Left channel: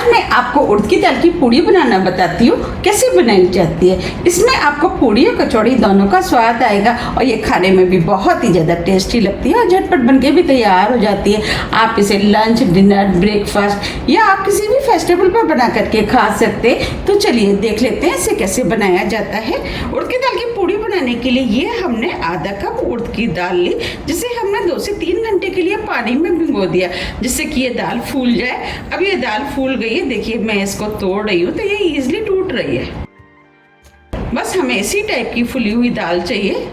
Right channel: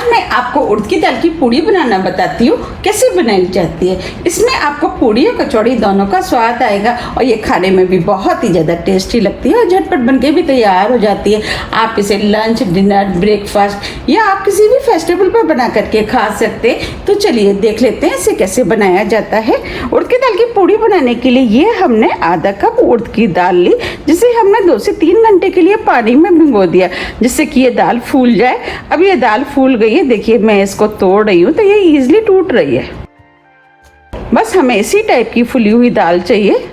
आज मैं आपको उड़द की दाल की पूड़ी बनाना बताती हूँ, कैसे बनाई जाती है। इसमें आपको पूड़ी और कचौड़ी दोनों का स्वाद आएगा और ये खाने में भी बहुत ही ज़्यादा टेस्टी लगती है और झटपट बनके भी तैयार हो जाती है। आप इसे लंच, डिनर, ब्रेकफास्ट या आप किसी भी फेस्टिवल पर बना करके खा सकते हैं। तो चलिए देख लेते हैं इसे कैसे बनाया जाता है। उड़द की दाल की पूड़ी बनाने के लिए ये हमने आधा कप उड़द की दाल ली, जिसे हमने 2 से 3 घंटे के लिए पानी में भिगो दिया, जिससे कि ये दाल फूल जाए। अब ये दाल फूल गई है, देखिए मैं इसको तोड़ रही हूँ तो ये इजीली टूट रही है। बस हमें इसी टाइप की फुली हुई दाल चाहिए।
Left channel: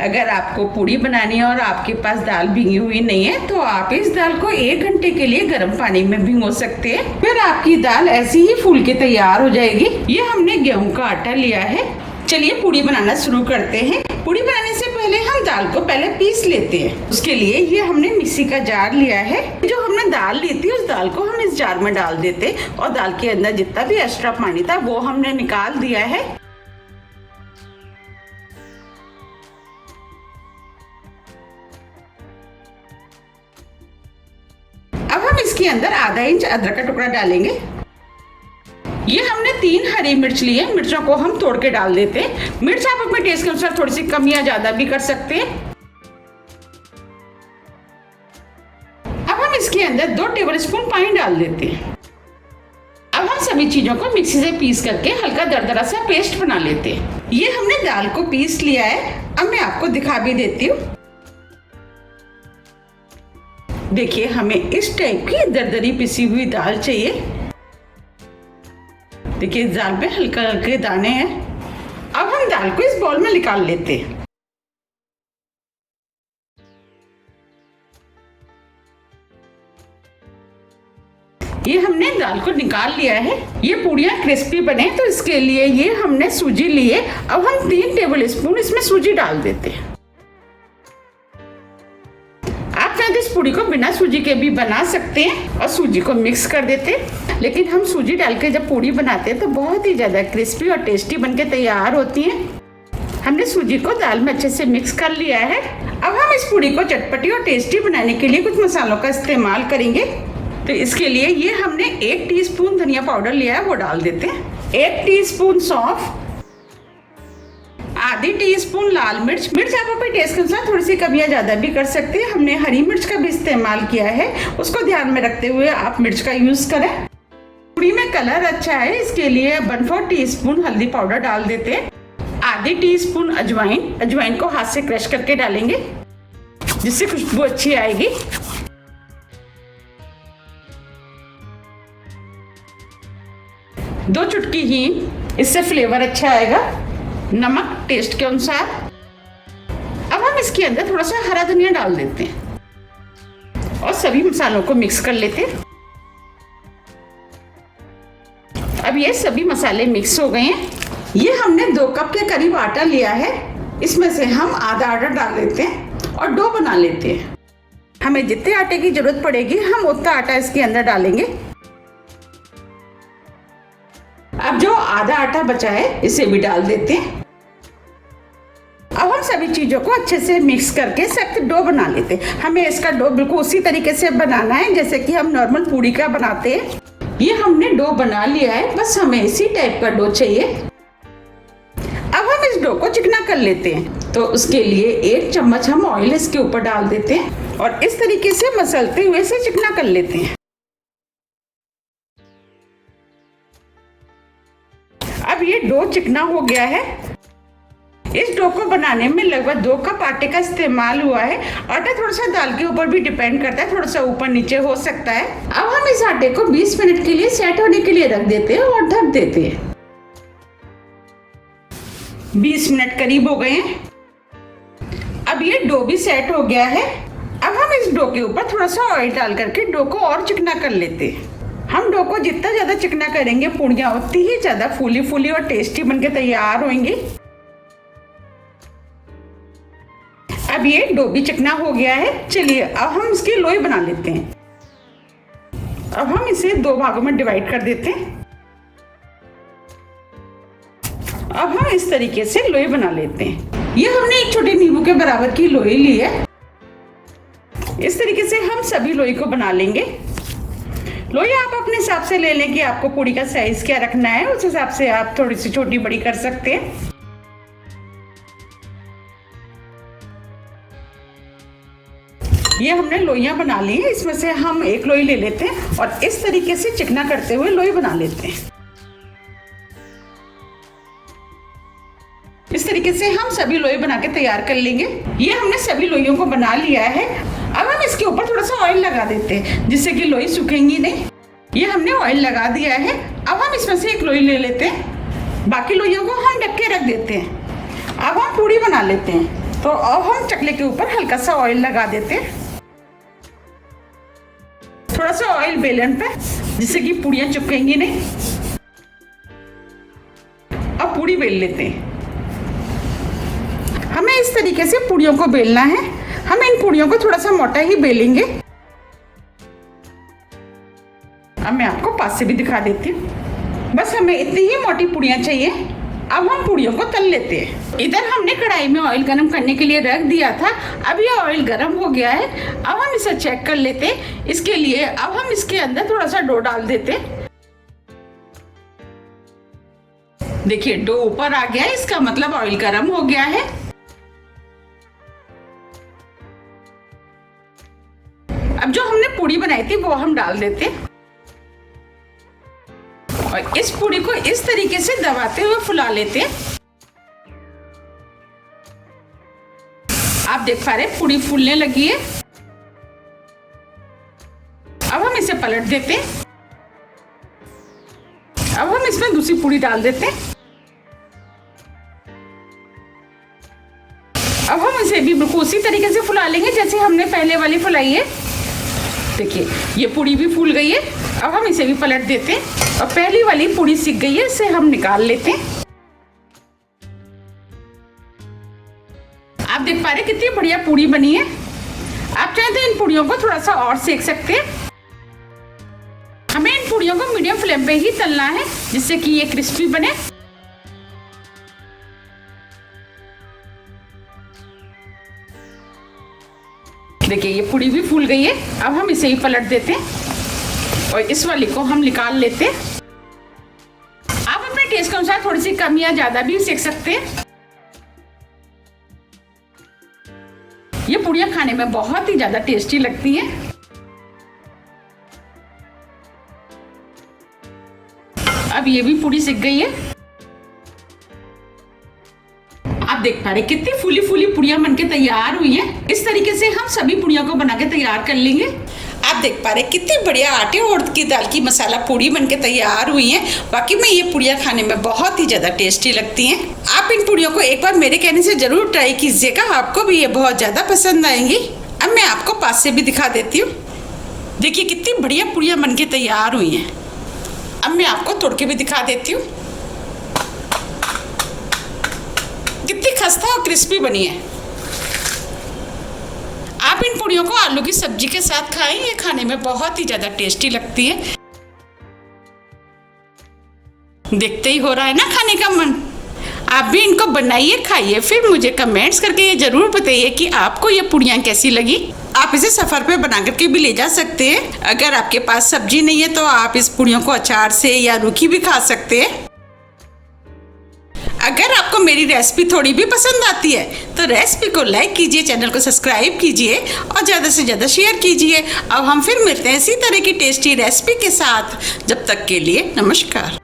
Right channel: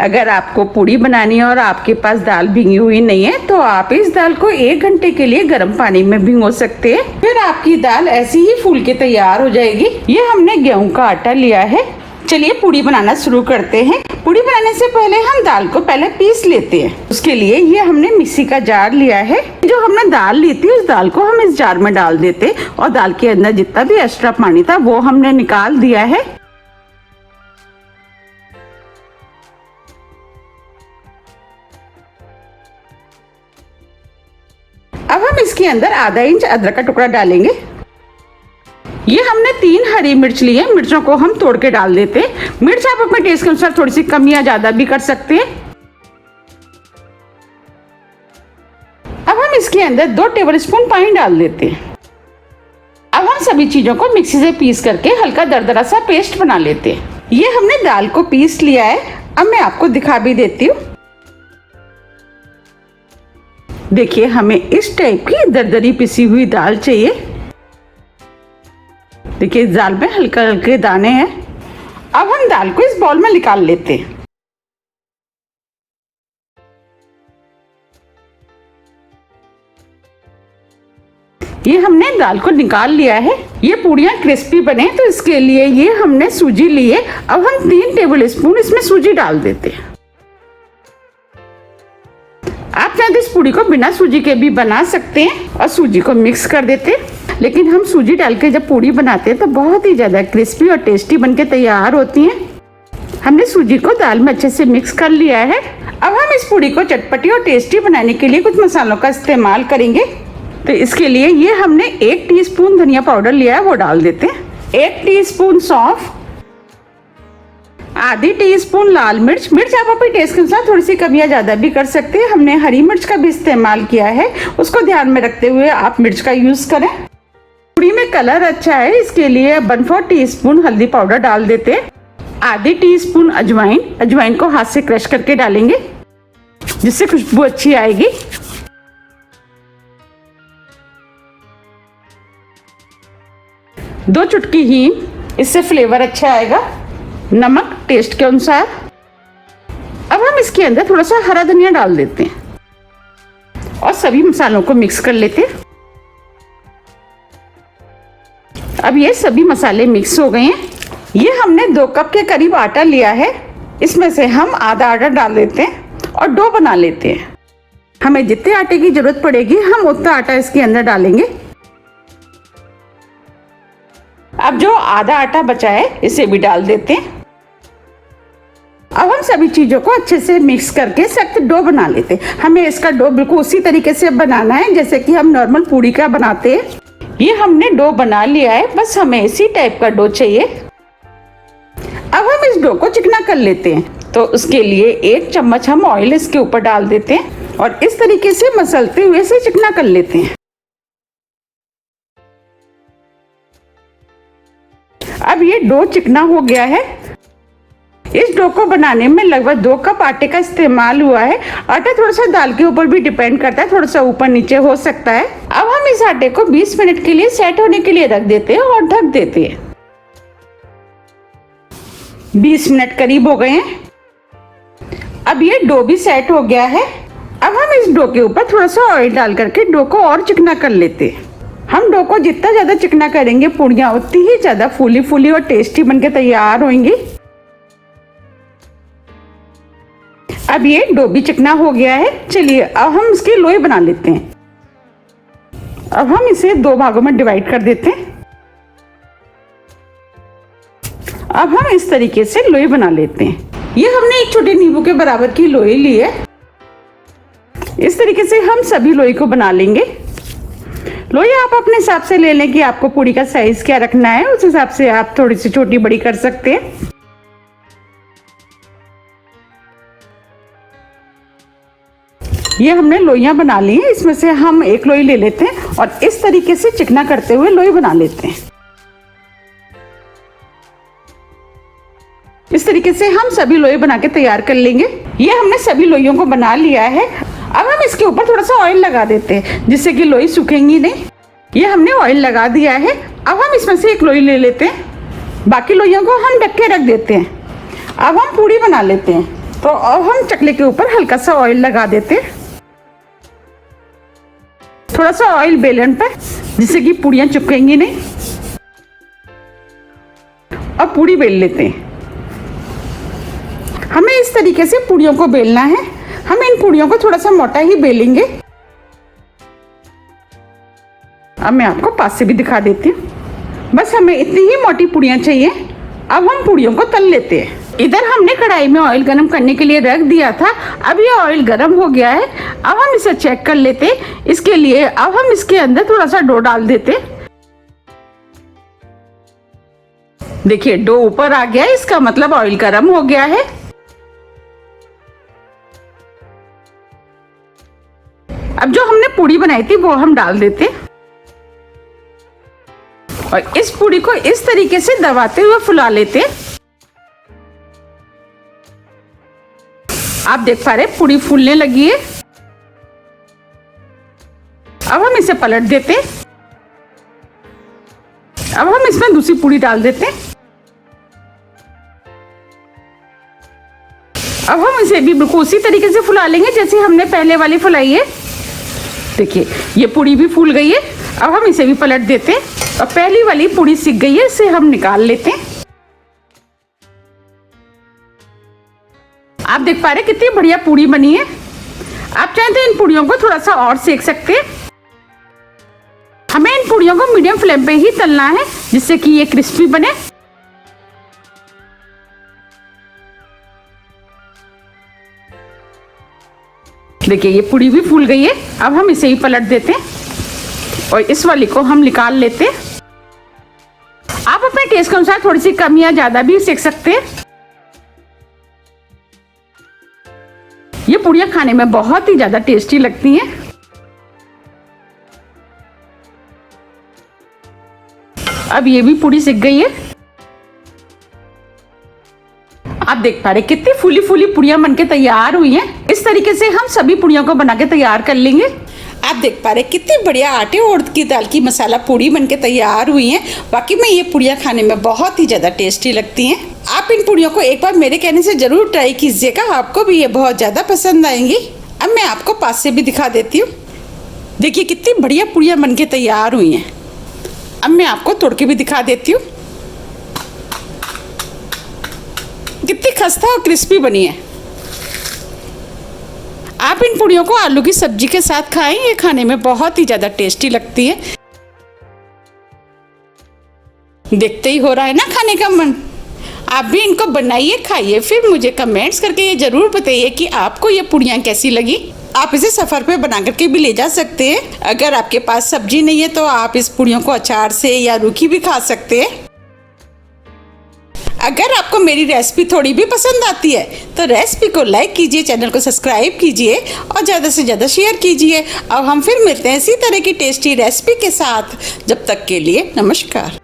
अगर आपको पूड़ी बनानी है और आपके पास दाल भिगी हुई नहीं है तो आप इस दाल को 1 घंटे के लिए गर्म पानी में भिगो सकते हैं। फिर आपकी दाल ऐसी ही फूल के तैयार हो जाएगी। ये हमने गेहूं का आटा लिया है। चलिए पूड़ी बनाना शुरू करते हैं। पूड़ी बनाने से पहले हम दाल को पहले पीस लेते हैं। उसके लिए ये हमने मिक्सी का जार लिया है। जो हमने दाल ली थी उस दाल को हम इस जार में डाल देते और दाल के अंदर जितना भी एक्स्ट्रा पानी था वो हमने निकाल दिया है। अब हम इसके अंदर आधा इंच अदरक का टुकड़ा डालेंगे। ये हमने 3 हरी मिर्च ली है, मिर्चों को हम तोड़ के डाल देते हैं। मिर्च आप अपने टेस्ट के अनुसार थोड़ी सी कम या ज्यादा भी कर सकते हैं। अब हम इसके अंदर 2 टेबलस्पून पानी डाल देते हैं। अब हम सभी चीजों को मिक्सी से पीस करके हल्का दरदरा सा पेस्ट बना लेते हैं। ये हमने दाल को पीस लिया है। अब मैं आपको दिखा भी देती हूँ। देखिए हमें इस टाइप की दरदरी पिसी हुई दाल चाहिए। देखिए इस दाल में हल्के हल्के दाने हैं। अब हम दाल को इस बाउल में निकाल लेते हैं। ये हमने दाल को निकाल लिया है। ये पूड़ियाँ क्रिस्पी बने तो इसके लिए ये हमने सूजी ली है। अब हम 3 टेबलस्पून इसमें सूजी डाल देते हैं। आप चाहे तो इस पूड़ी को बिना सूजी के भी बना सकते हैं और सूजी को मिक्स कर देते हैं, लेकिन हम सूजी डाल के जब पूड़ी बनाते हैं तो बहुत ही ज़्यादा क्रिस्पी और टेस्टी बनके तैयार होती हैं। हमने सूजी को दाल में अच्छे से मिक्स कर लिया है। अब हम इस पूड़ी को चटपटी और टेस्टी बनाने के लिए कुछ मसालों का इस्तेमाल करेंगे। तो इसके लिए ये हमने 1 टीस्पून धनिया पाउडर लिया है, वो डाल देते हैं। 1 टीस्पून सौंफ, आधी टीस्पून लाल मिर्च। मिर्च आप अपने टेस्ट के अनुसार थोड़ी सी कम या ज्यादा भी कर सकते हैं। हमने हरी मिर्च का भी इस्तेमाल किया है, उसको ध्यान में रखते हुए आप मिर्च का यूज करें। पूड़ी में कलर अच्छा है इसके लिए 1/4 टीस्पून हल्दी पाउडर डाल देते हैं। आधी टीस्पून अजवाइन, अजवाइन को हाथ से क्रश करके डालेंगे जिससे खुशबू अच्छी आएगी। दो चुटकी हींग, इससे फ्लेवर अच्छा आएगा। नमक टेस्ट के अनुसार। अब हम इसके अंदर थोड़ा सा हरा धनिया डाल देते हैं और सभी मसालों को मिक्स कर लेते हैं। अब ये सभी मसाले मिक्स हो गए हैं। ये हमने 2 कप के करीब आटा लिया है। इसमें से हम आधा आटा डाल देते हैं और डो बना लेते हैं। हमें जितने आटे की जरूरत पड़ेगी हम उतना आटा इसके अंदर डालेंगे। अब जो आधा आटा बचा है इसे भी डाल देते हैं। अब हम सभी चीजों को अच्छे से मिक्स करके सख्त डो बना लेते हैं। हमें इसका डो बिल्कुल उसी तरीके से बनाना है जैसे कि हम नॉर्मल पूड़ी का बनाते हैं। ये हमने डो बना लिया है, बस हमें इसी टाइप का डो चाहिए। अब हम इस डो को चिकना कर लेते हैं। तो उसके लिए 1 चम्मच हम ऑयल इसके ऊपर डाल देते हैं और इस तरीके से मसलते हुए इसे चिकना कर लेते हैं। अब ये डो चिकना हो गया है। इस डो को बनाने में लगभग 2 कप आटे का इस्तेमाल हुआ है। आटा थोड़ा सा दाल के ऊपर भी डिपेंड करता है, थोड़ा सा ऊपर नीचे हो सकता है। अब हम इस आटे को 20 मिनट के लिए सेट होने के लिए रख देते हैं और ढक देते हैं। 20 मिनट करीब हो गए हैं। अब ये डो भी सेट हो गया है। अब हम इस डो के ऊपर थोड़ा सा ऑयल डाल करके डो को और चिकना कर लेते हैं। हम डो को जितना ज्यादा चिकना करेंगे पूड़ियाँ उतनी ही ज्यादा फूली फूली और टेस्टी बनके तैयार होंगी। अब ये डो भी चिकना हो गया है। चलिए अब हम इसकी लोई बना लेते हैं। अब हम इसे 2 भागों में डिवाइड कर देते हैं। अब हम इस तरीके से लोई बना लेते हैं। ये हमने 1 छोटे नींबू के बराबर की लोई ली है। इस तरीके से हम सभी लोई को बना लेंगे। लोई आप अपने हिसाब से ले लें कि आपको पूड़ी का साइज क्या रखना है, उस हिसाब से आप थोड़ी सी छोटी बड़ी कर सकते हैं। ये हमने लोइयां बना ली हैं, इसमें से हम एक लोई ले लेते हैं और इस तरीके से चिकना करते हुए लोई बना लेते हैं। इस तरीके से हम सभी लोई बना के तैयार कर लेंगे। ये हमने सभी लोइयों को बना लिया है। अब हम इसके ऊपर थोड़ा सा ऑयल लगा देते हैं जिससे कि लोई सूखेंगी नहीं। ये हमने ऑयल लगा दिया है। अब हम इसमें से एक लोई ले लेते हैं, बाकी लोइयों को हम ढक के रख देते हैं। अब हम पूड़ी बना लेते हैं। तो अब हम चकले के ऊपर हल्का सा ऑयल लगा देते हैं, थोड़ा सा ऑयल बेलन पर, जिससे कि पूड़ियाँ चिपकेंगी नहीं। अब पूड़ी बेल लेते हैं। हमें इस तरीके से पूड़ियों को बेलना है। हम इन पूड़ियों को थोड़ा सा मोटा ही बेलेंगे। अब मैं आपको पास से भी दिखा देती हूँ। बस हमें इतनी ही मोटी पूड़ियाँ चाहिए। अब हम पूड़ियों को तल लेते हैं। इधर हमने कढ़ाई में ऑयल गरम करने के लिए रख दिया था। अब ये ऑयल गरम हो गया है। अब हम इसे चेक कर लेते हैं। इसके लिए अब हम इसके अंदर थोड़ा सा डो डाल देते हैं। देखिए डो ऊपर आ गया है, इसका मतलब ऑयल गरम हो गया है। अब जो हमने पूड़ी बनाई थी वो हम डाल देते हैं और इस पूड़ी को इस तरीके से दबाते हुए फुला लेते हैं। आप देख पा रहे हैं पूड़ी फूलने लगी है। अब हम इसे पलट देते हैं। अब हम इसमें दूसरी पूड़ी डाल देते हैं। अब हम इसे भी बिल्कुल उसी तरीके से फुला लेंगे जैसे हमने पहले वाली फुलाई है। देखिए ये पूड़ी भी फूल गई है। अब हम इसे भी पलट देते हैं और पहली वाली पूड़ी सिक गई है, इसे हम निकाल लेते हैं। आप देख पा रहे हैं कितनी बढ़िया पूड़ी बनी है। आप चाहें तो इन पूड़ियों को थोड़ा सा और सेक सकते हैं। हमें इन पूड़ियों को मीडियम फ्लेम पे ही तलना है जिससे कि ये क्रिस्पी बने। देखिए ये पूड़ी भी फूल गई है। अब हम इसे ही पलट देते हैं और इस वाली को हम निकाल लेते हैं। आप अपने टेस्ट के अनुसार थोड़ी सी कम या ज्यादा भी सेक सकते हैं। ये पूड़ियाँ खाने में बहुत ही ज्यादा टेस्टी लगती हैं। अब ये भी पूड़ी सिक गई है। आप देख पा रहे कितनी फूली फूली पूड़ियाँ बनके तैयार हुई हैं। इस तरीके से हम सभी पूड़ियों को बना के तैयार कर लेंगे। आप देख पा रहे कितनी बढ़िया आटे और उड़द की दाल की मसाला पूड़ी बनके तैयार हुई हैं। वाकई में ये पूड़ियाँ खाने में बहुत ही ज़्यादा टेस्टी लगती हैं। आप इन पूड़ियों को एक बार मेरे कहने से ज़रूर ट्राई कीजिएगा, आपको भी ये बहुत ज़्यादा पसंद आएंगी। अब मैं आपको पास से भी दिखा देती हूँ। देखिए कितनी बढ़िया पूड़ियाँ बनके तैयार हुई हैं। अब मैं आपको तोड़ के भी दिखा देती हूँ। कितनी खस्ता और क्रिस्पी बनी है। आप इन पूड़ियों को आलू की सब्जी के साथ खाएं, ये खाने में बहुत ही ज़्यादा टेस्टी लगती है। देखते ही हो रहा है ना खाने का मन। आप भी इनको बनाइए, खाइए, फिर मुझे कमेंट्स करके ये ज़रूर बताइए कि आपको ये पूड़ियाँ कैसी लगी। आप इसे सफ़र पे बना करके भी ले जा सकते हैं। अगर आपके पास सब्जी नहीं है तो आप इस पूड़ियों को अचार से या रूखी भी खा सकते हैं। अगर आपको मेरी रेसिपी थोड़ी भी पसंद आती है तो रेसिपी को लाइक कीजिए, चैनल को सब्सक्राइब कीजिए और ज़्यादा से ज़्यादा शेयर कीजिए। अब हम फिर मिलते हैं इसी तरह की टेस्टी रेसिपी के साथ। जब तक के लिए नमस्कार।